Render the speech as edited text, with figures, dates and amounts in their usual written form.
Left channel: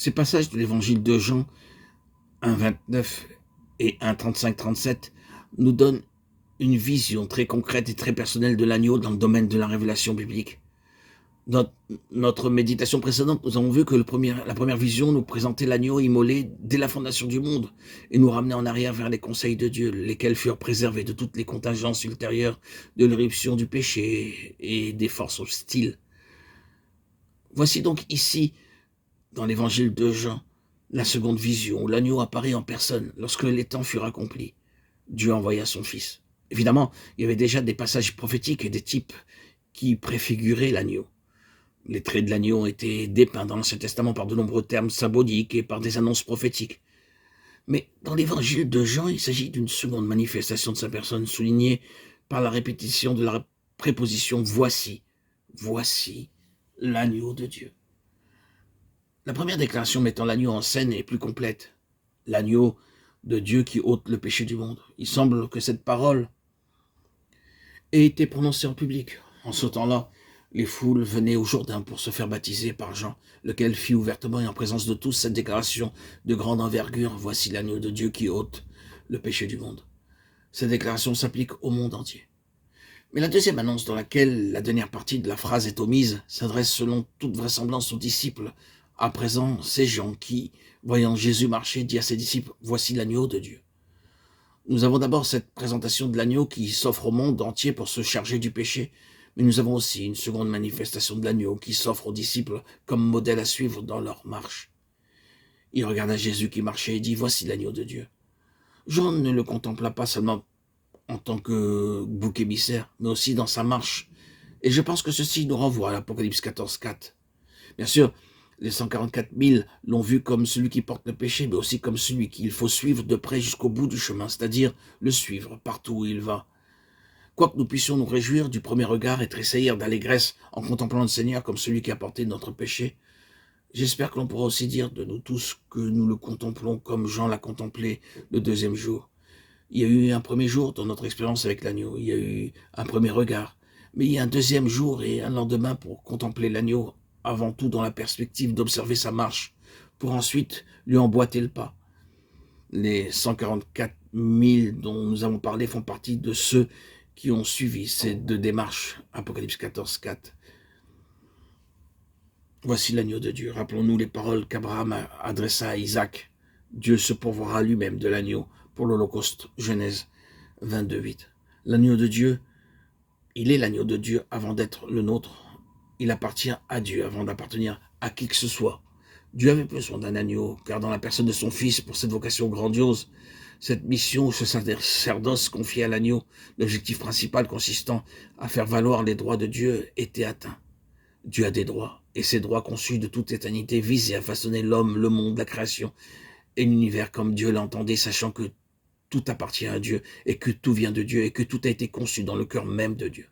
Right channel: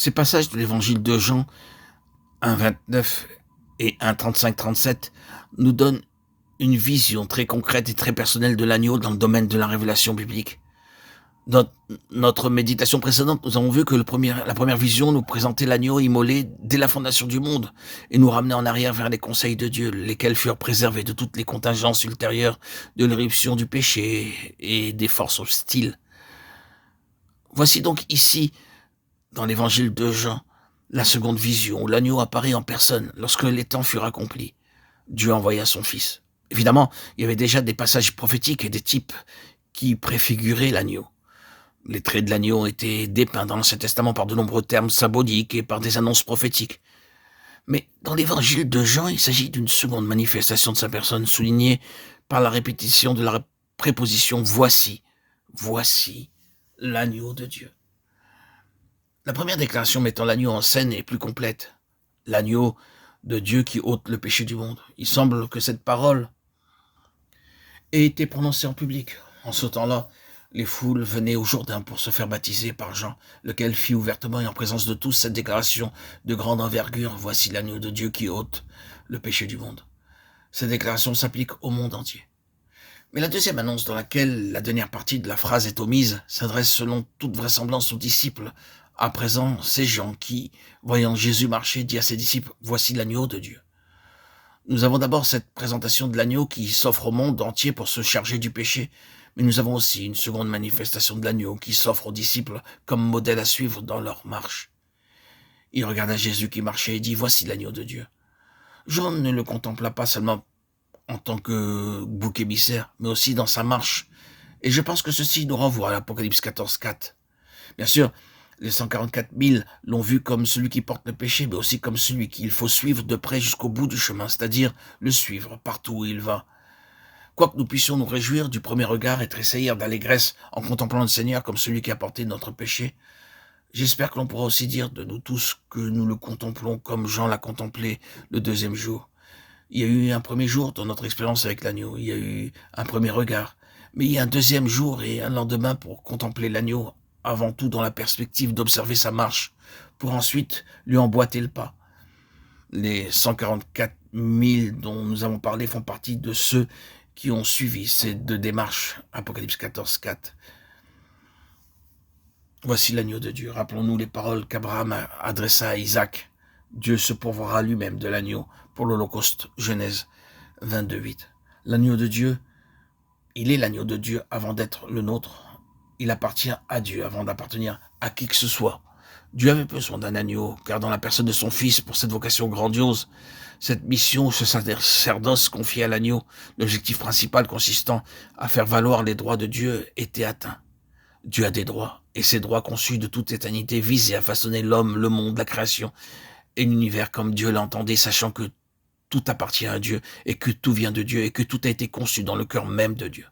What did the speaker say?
Ces passages de l'évangile de Jean 1,29 et 1,35-37 nous donnent une vision très concrète et très personnelle de l'agneau dans le domaine de la révélation biblique. Dans notre méditation précédente, nous avons vu que la première vision nous présentait l'agneau immolé dès la fondation du monde et nous ramenait en arrière vers les conseils de Dieu, lesquels furent préservés de toutes les contingences ultérieures de l'éruption du péché et des forces hostiles. Voici donc ici, dans l'évangile de Jean, la seconde vision, où l'agneau apparaît en personne lorsque les temps furent accomplis. Dieu envoya son Fils. Évidemment, il y avait déjà des passages prophétiques et des types qui préfiguraient l'agneau. Les traits de l'agneau ont été dépeints dans l'Ancien Testament par de nombreux termes symboliques et par des annonces prophétiques. Mais dans l'évangile de Jean, il s'agit d'une seconde manifestation de sa personne, soulignée par la répétition de la préposition « voici ». Voici l'agneau de Dieu. La première déclaration mettant l'agneau en scène est plus complète. L'agneau de Dieu qui ôte le péché du monde. Il semble que cette parole ait été prononcée en public. En ce temps-là, les foules venaient au Jourdain pour se faire baptiser par Jean, lequel fit ouvertement et en présence de tous cette déclaration de grande envergure. Voici l'agneau de Dieu qui ôte le péché du monde. Cette déclaration s'applique au monde entier. Mais la deuxième annonce dans laquelle la dernière partie de la phrase est omise s'adresse selon toute vraisemblance aux disciples. À présent, c'est Jean qui, voyant Jésus marcher, dit à ses disciples « Voici l'agneau de Dieu ». Nous avons d'abord cette présentation de l'agneau qui s'offre au monde entier pour se charger du péché, mais nous avons aussi une seconde manifestation de l'agneau qui s'offre aux disciples comme modèle à suivre dans leur marche. Il regarda Jésus qui marchait et dit « Voici l'agneau de Dieu ». Jean ne le contempla pas seulement en tant que bouc émissaire, mais aussi dans sa marche. Et je pense que ceci nous renvoie à l'Apocalypse 14,4. Bien sûr, les 144 000 l'ont vu comme celui qui porte le péché, mais aussi comme celui qu'il faut suivre de près jusqu'au bout du chemin, c'est-à-dire le suivre partout où il va. Quoique nous puissions nous réjouir du premier regard et tressaillir d'allégresse en contemplant le Seigneur comme celui qui a porté notre péché, j'espère que l'on pourra aussi dire de nous tous que nous le contemplons comme Jean l'a contemplé le deuxième jour. Il y a eu un premier jour dans notre expérience avec l'agneau, il y a eu un premier regard, mais il y a un deuxième jour et un lendemain pour contempler l'agneau, avant tout dans la perspective d'observer sa marche, pour ensuite lui emboîter le pas. Les 144 000 dont nous avons parlé font partie de ceux qui ont suivi ces deux démarches, Apocalypse 14,4. Voici l'agneau de Dieu. Rappelons-nous les paroles qu'Abraham adressa à Isaac. Dieu se pourvoira lui-même de l'agneau pour l'Holocauste, Genèse 22,8. L'agneau de Dieu, il est l'agneau de Dieu avant d'être le nôtre. Il appartient à Dieu avant d'appartenir à qui que ce soit. Dieu avait besoin d'un agneau, car dans la personne de son Fils, pour cette vocation grandiose, cette mission, ce sacerdoce confié à l'agneau, l'objectif principal consistant à faire valoir les droits de Dieu était atteint. Dieu a des droits, et ces droits conçus de toute éternité visent à façonner l'homme, le monde, la création et l'univers comme Dieu l'entendait, sachant que tout appartient à Dieu et que tout vient de Dieu et que tout a été conçu dans le cœur même de Dieu.